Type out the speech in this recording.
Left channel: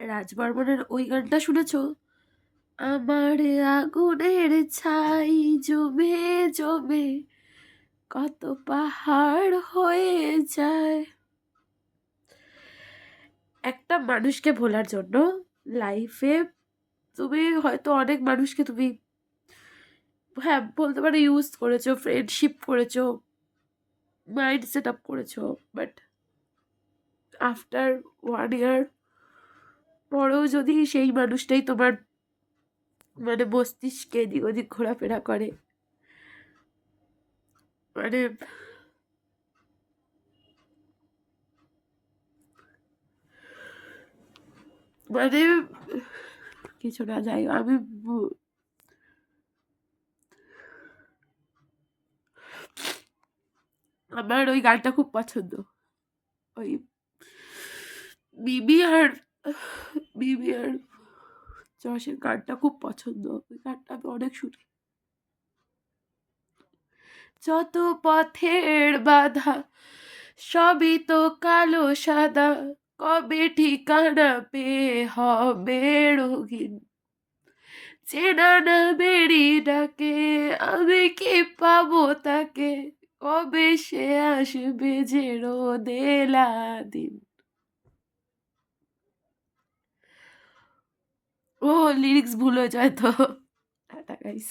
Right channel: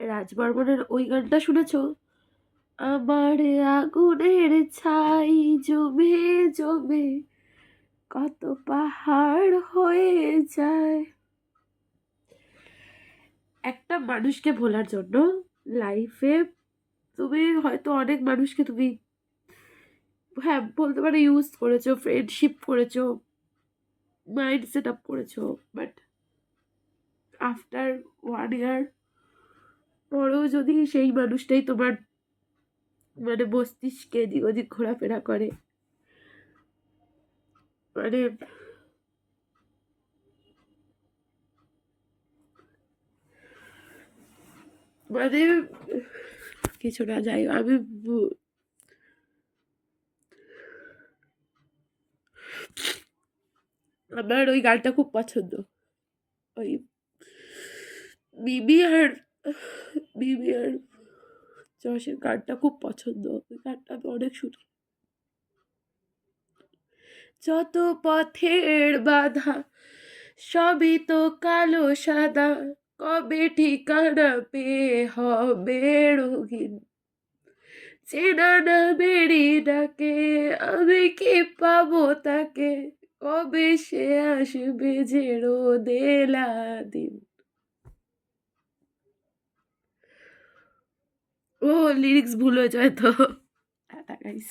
রাজ বর্মনের ওই গানটা শুনেছো? আমার আগুনের ছাই জমে জমে কত পাহাড় হয়ে যায়। একটা মানুষকে ভোলার জন্য লাইফে তুমি হয়তো অনেক মানুষকে তুমি, হ্যাঁ বলতে পারো, ইউজ করেছো, ফ্রেন্ডশিপ করেছো, মাইন্ড সেট আপ করেছো, বাট আফটার 1 ইয়ার পরেও যদি সেই মানুষটাই তোমার মানে মস্তিষ্কে এদিক ওদিক ঘোরাফেরা করে, মানে মানে কিছু না, যাই আমি আমার ওই গানটা খুব পছন্দ। ওই বিবি আর বিবি আর যশের গানটা খুব পছন্দ, ওই গানটা আমি অনেক শুনি। যত পথের বাধা সবই তো কালো সাদা, কবে ঠিকানা পেয়ে হবে রঙিন, চেনা না বেরি ডাকে আমি কি পাবো তাকে, কবে সে আসবে যে রোদেলা দিন। ও লিরিক্স ভুল হয়ে যায় তো। Tata guys.